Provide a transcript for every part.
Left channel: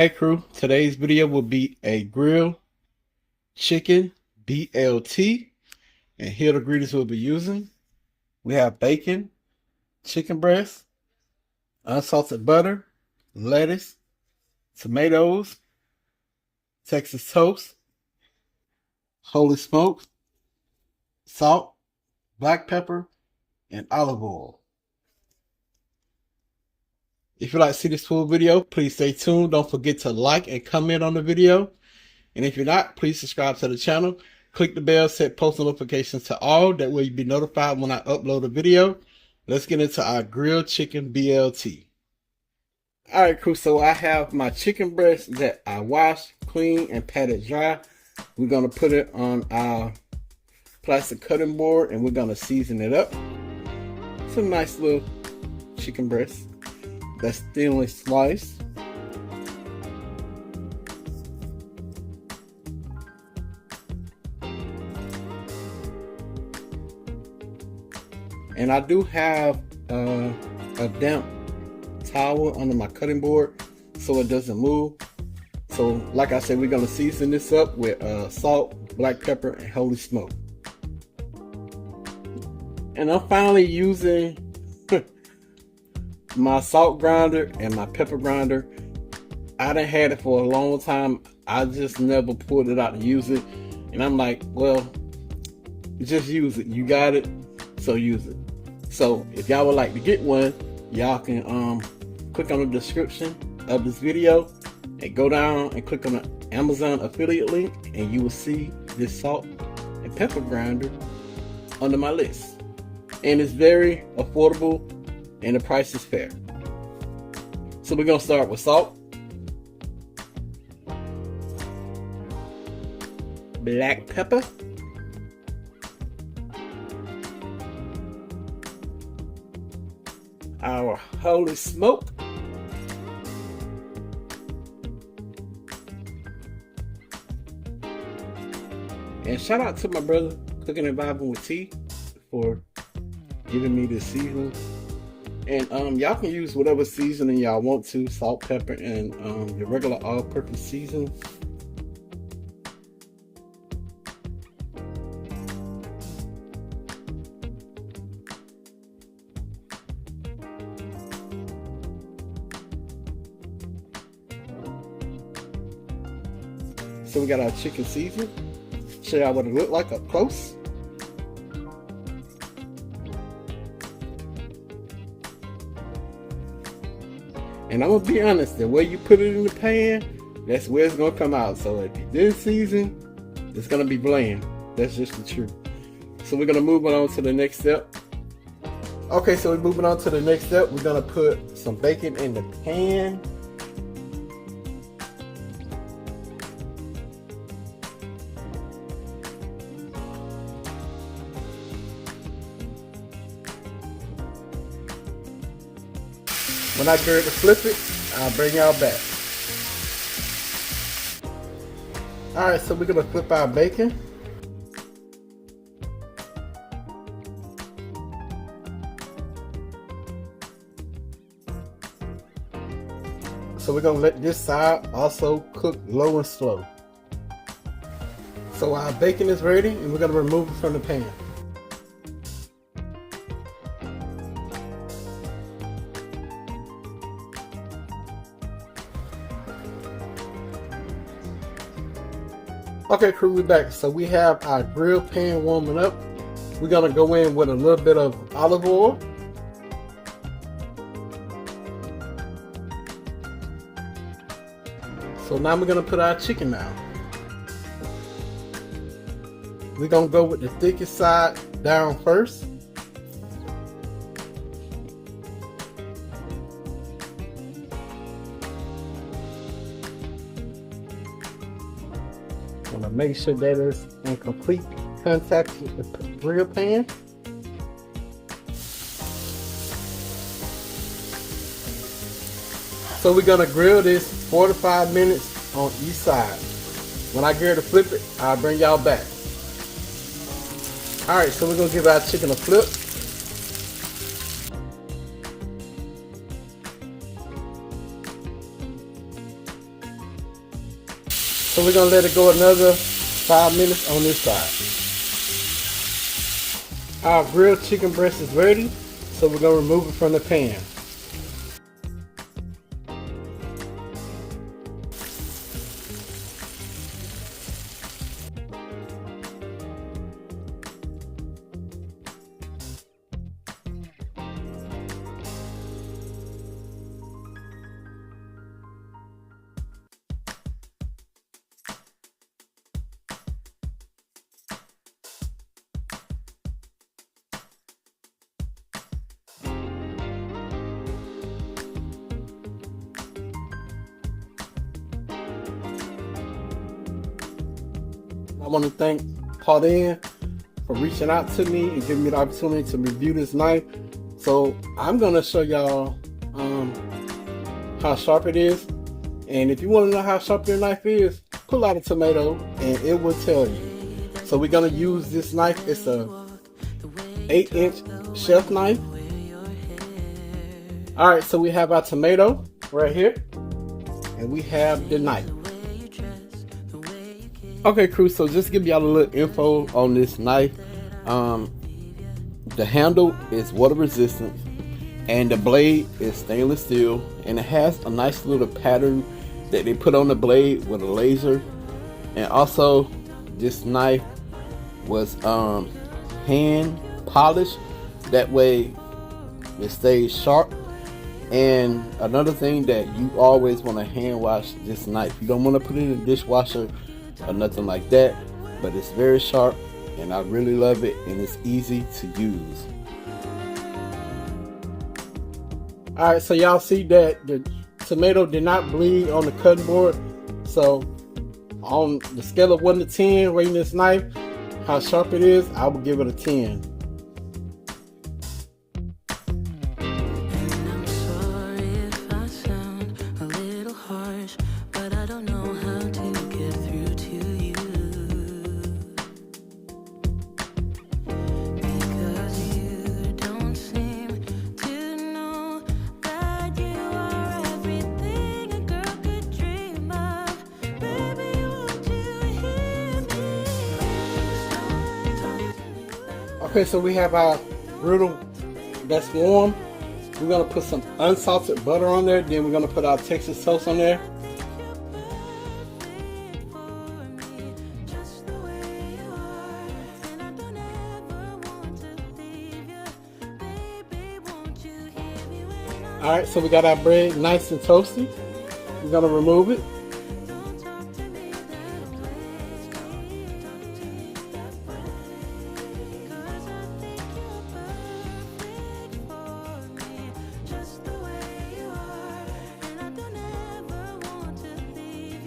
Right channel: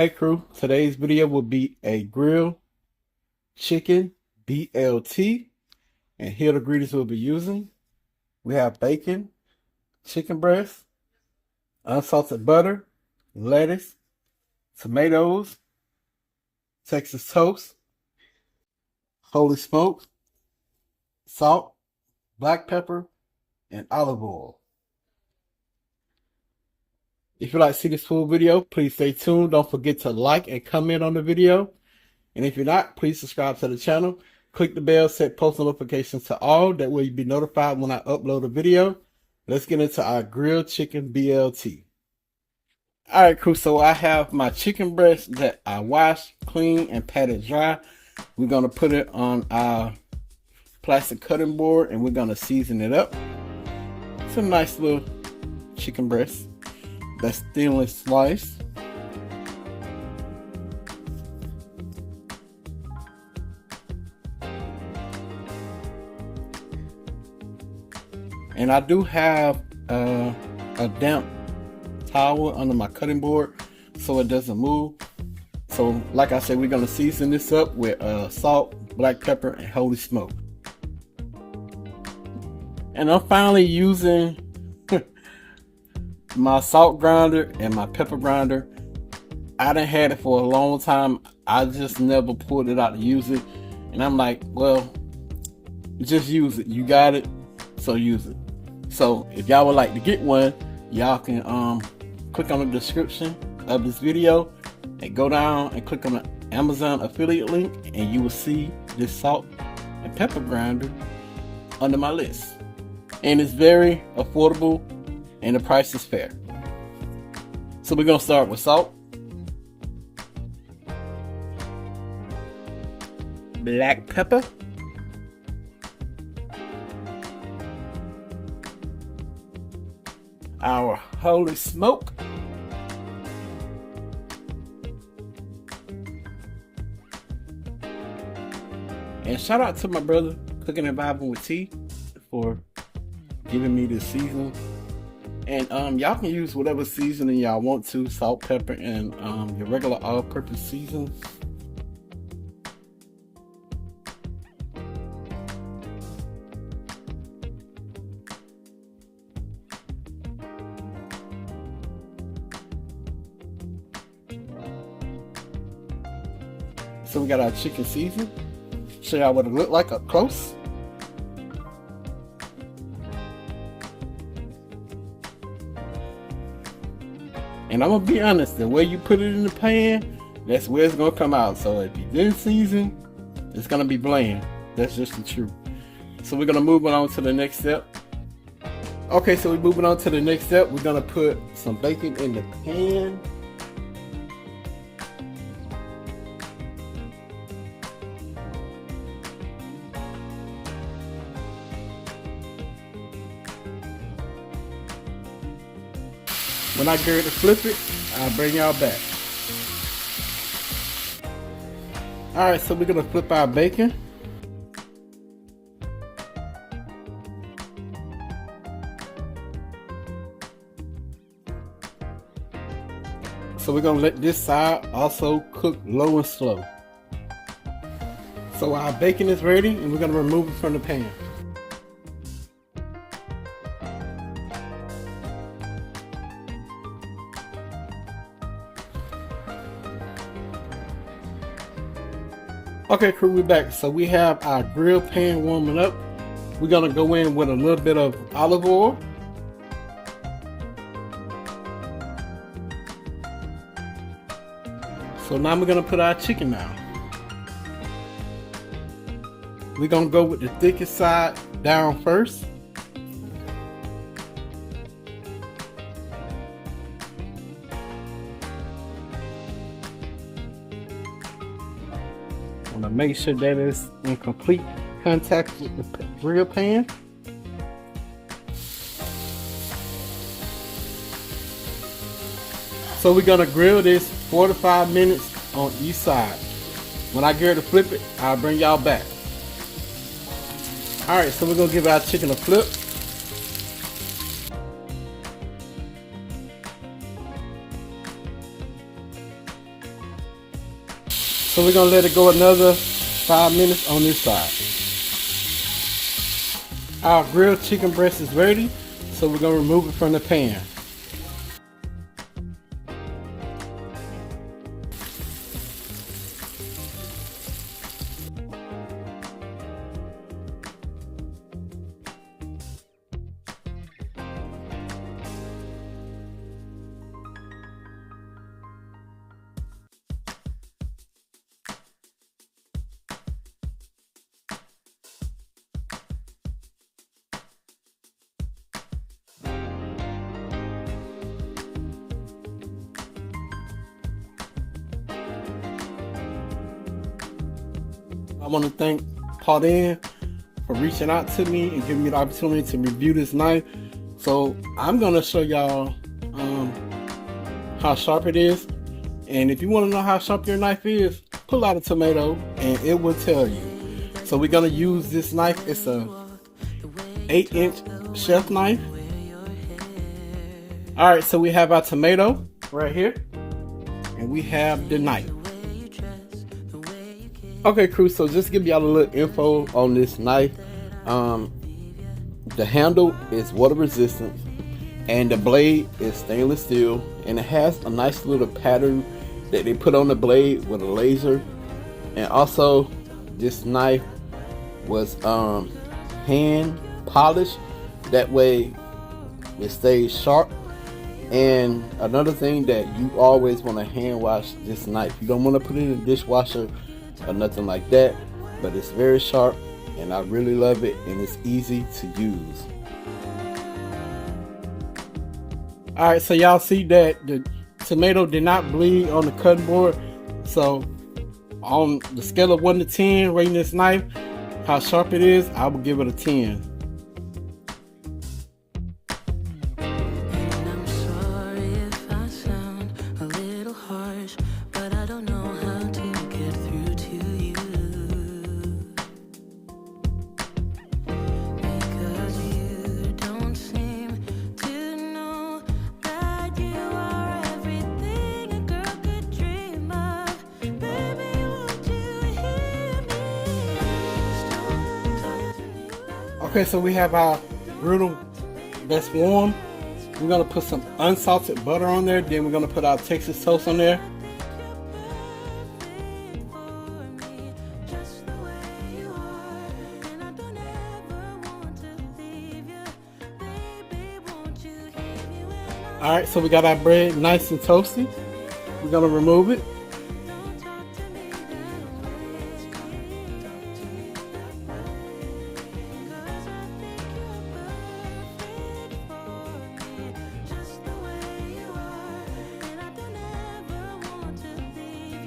Hey crew, today's video will be a grilled chicken BLT, and here are the ingredients we'll be using. We have bacon, chicken breast, unsalted butter, lettuce, tomatoes, Texas toast, holy smokes, salt, black pepper, and olive oil. If you'd like to see this full video, please stay tuned. Don't forget to like and comment on the video. And if you're not, please subscribe to the channel. Click the bell, set post notifications to all. That way you'll be notified when I upload a video. Let's get into our grilled chicken BLT. Alright crew, so I have my chicken breast that I washed, cleaned, and patted dry. We're going to put it on our plastic cutting board and we're going to season it up. It's a nice little chicken breast that's thinly sliced. And I do have a damp towel under my cutting board so it doesn't move. So like I said, we're going to season this up with salt, black pepper, and holy smoke. And I'm finally using my salt grinder and my pepper grinder. I done had it for a long time. I just never pulled it out to use it. And I'm like, well, just use it. You got it, so use it. So if y'all would like to get one, y'all can click on the description of this video and go down and click on the Amazon affiliate link, and you will see this salt and pepper grinder under my list. And it's very affordable and the price is fair. So we're gonna start with salt, black pepper, our holy smoke, and shout out to my brother Cooking and Vibing with T for giving me this seasoning. And y'all can use whatever seasoning y'all want to, salt, pepper, and your regular all-purpose seasoning. So we got our chicken season. Show y'all what it looked like up close. And I'm gonna be honest, the way you put it in the pan, that's where it's gonna come out. So if you didn't season, it's gonna be bland. That's just the truth. So we're gonna move on to the next step. Okay, so we're moving on to the next step. We're gonna put some bacon in the pan. When I get ready to flip it, I'll bring y'all back. Alright, so we're gonna flip our bacon. So we're gonna let this side also cook low and slow. So our bacon is ready and we're gonna remove it from the pan. Okay crew, we're back. So we have our grill pan warming up. We're gonna go in with a little bit of olive oil. So now we're gonna put our chicken down. We're gonna go with the thickest side down first. I'm gonna make sure that it's in complete contact with the grill pan. So we're gonna grill this 4 to 5 minutes on each side. When I get ready to flip it, I'll bring y'all back. Alright, so we're gonna give our chicken a flip. So we're gonna let it go another 5 minutes on this side. Our grilled chicken breast is ready, so we're gonna remove it from the pan. I want to thank Claudine for reaching out to me and giving me the opportunity to review this knife. So I'm going to show y'all how sharp it is. And if you want to know how sharp your knife is, pull out a tomato and it will tell you. So we're going to use this knife. It's a 8-inch chef knife. Alright, so we have our tomato right here. And we have the knife. Okay, crew, so just give y'all a little info on this knife. The handle is water resistant and the blade is stainless steel, and it has a nice little pattern that they put on the blade with a laser. And also this knife was hand polished, that way it stays sharp. And another thing that you always want to hand wash this knife. You don't want to put it in the dishwasher or nothing like that, but it's very sharp and I really love it, and it's easy to use. Alright, so y'all see that the tomato did not bleed on the cutting board. So on the scale of 1 to 10 rating this knife, how sharp it is, I would give it a 10. Okay, so we have our griddle that's warm. We're gonna put some unsalted butter on there. Then we're gonna put our Texas toast on there. All right, so we got our bread nice and toasty. We're gonna remove it.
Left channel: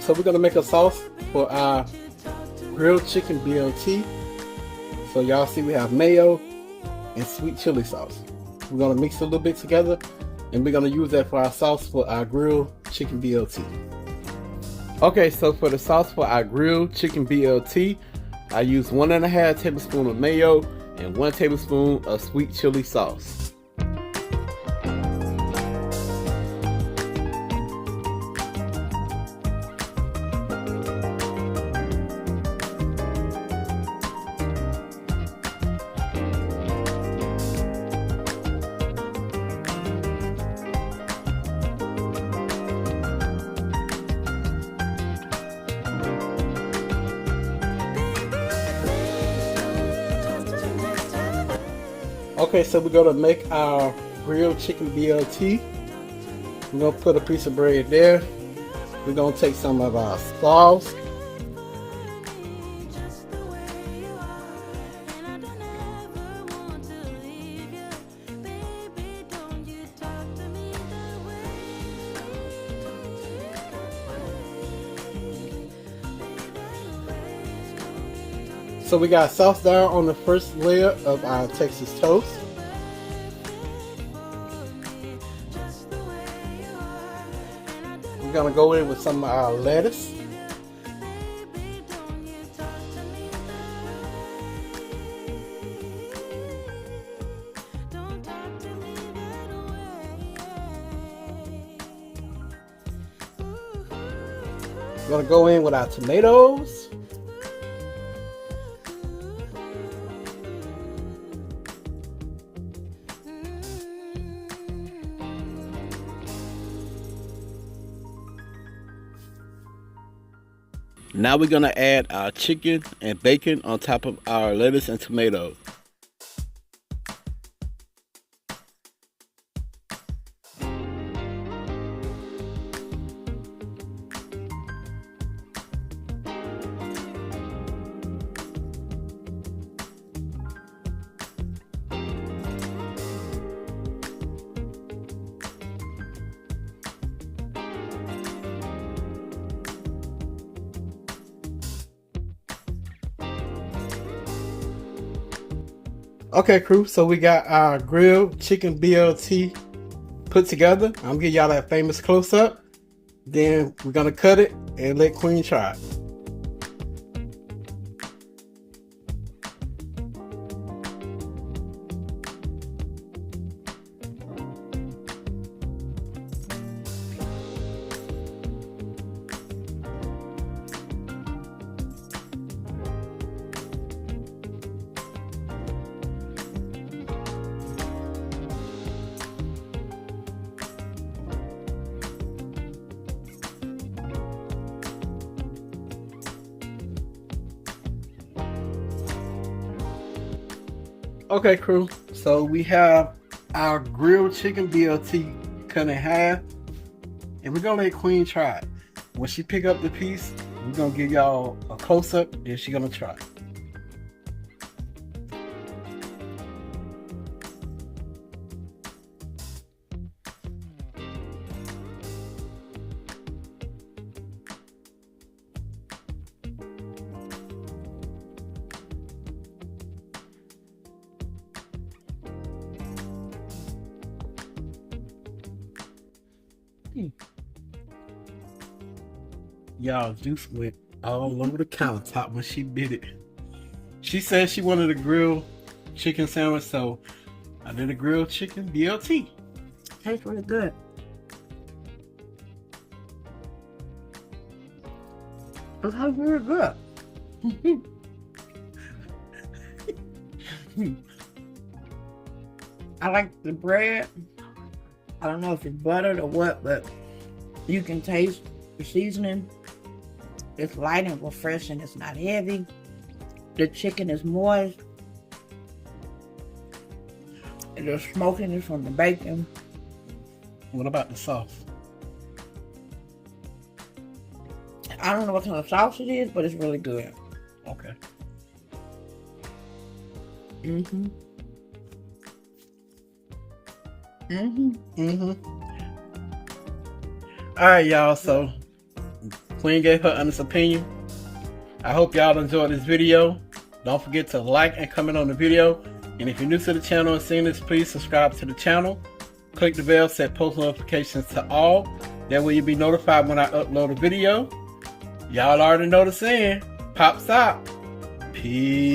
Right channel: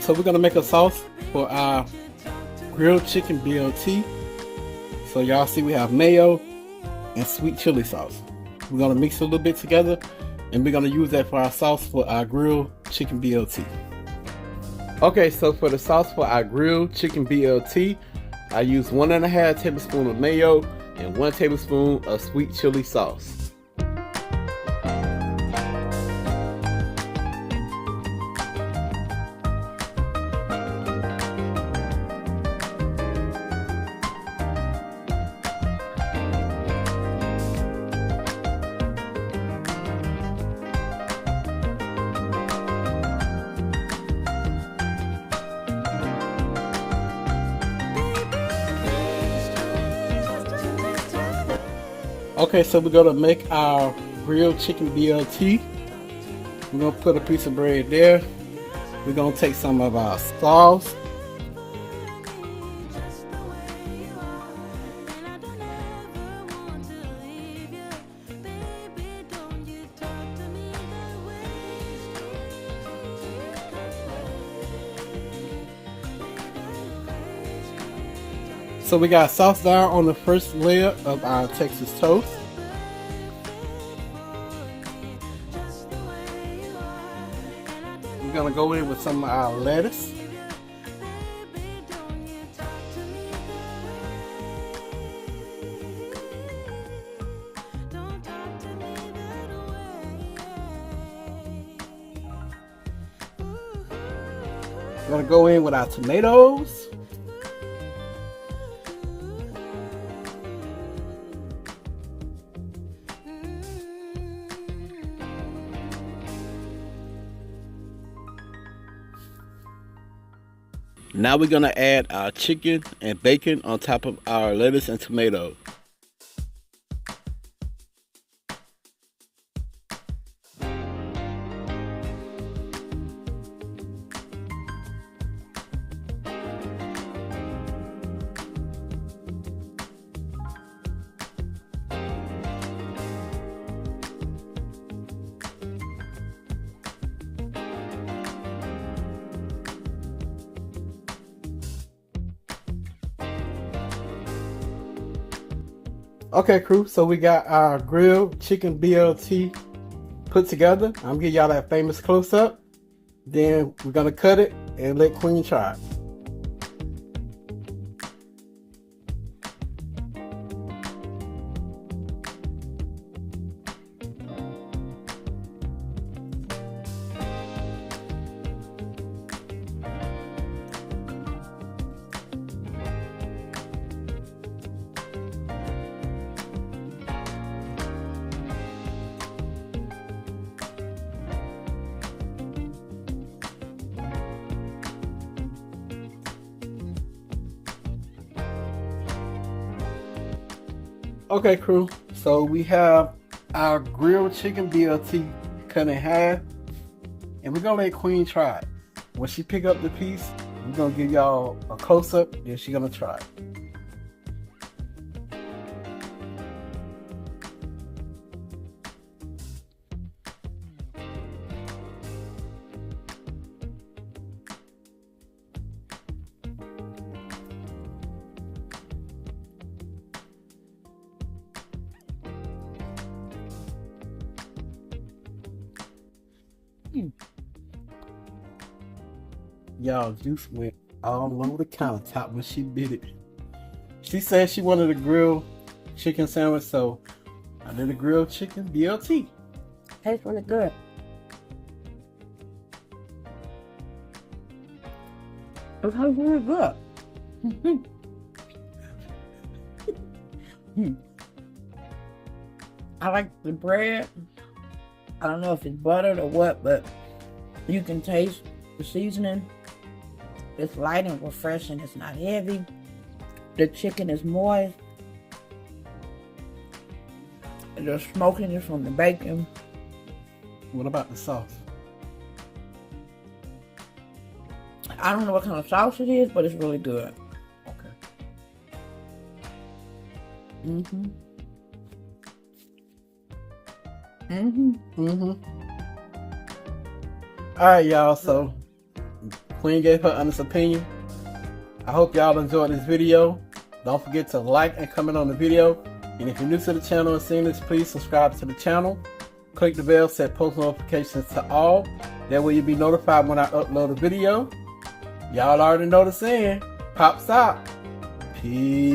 So we're gonna make a sauce for our grilled chicken BLT. So y'all see we have mayo and sweet chili sauce. We're gonna mix it a little bit together, and we're gonna use that for our sauce for our grilled chicken BLT. Okay, so for the sauce for our grilled chicken BLT, I use 1.5 tablespoons of mayo and 1 tablespoon of sweet chili sauce. Okay, so we're gonna make our grilled chicken BLT. We're gonna put a piece of bread there. We're gonna take some of our sauce. So we got sauce down on the first layer of our Texas toast. We're gonna go in with some of our lettuce. We're gonna go in with our tomatoes. Now we're gonna add our chicken and bacon on top of our lettuce and tomato. Okay, crew, so we got our grilled chicken BLT put together. I'm gonna give y'all that famous close-up. Then we're gonna cut it and let Queen try it. Okay, crew, so we have our grilled chicken BLT cut in half, and we're gonna let Queen try it. When she pick up the piece, we're gonna give y'all a close-up, and she's gonna try it. Y'all, juice went all over the countertop when she bit it. She said she wanted a grilled chicken sandwich, so I did a grilled chicken BLT. Tastes really good. It tastes really good. I like the bread. I don't know if it's buttered or what, but you can taste the seasoning. It's light and refreshing. It's not heavy. The chicken is moist. And the smokiness from the bacon. What about the sauce? I don't know what kind of sauce it is, but it's really good. Okay. All right, y'all, so Queen gave her honest opinion. I hope y'all enjoyed this video. Don't forget to like and comment on the video. And if you're new to the channel and seeing this, please subscribe to the channel. Click the bell, set post notifications to all. That way you'll be notified when I upload a video. Y'all already know the saying. Pops out. Peace.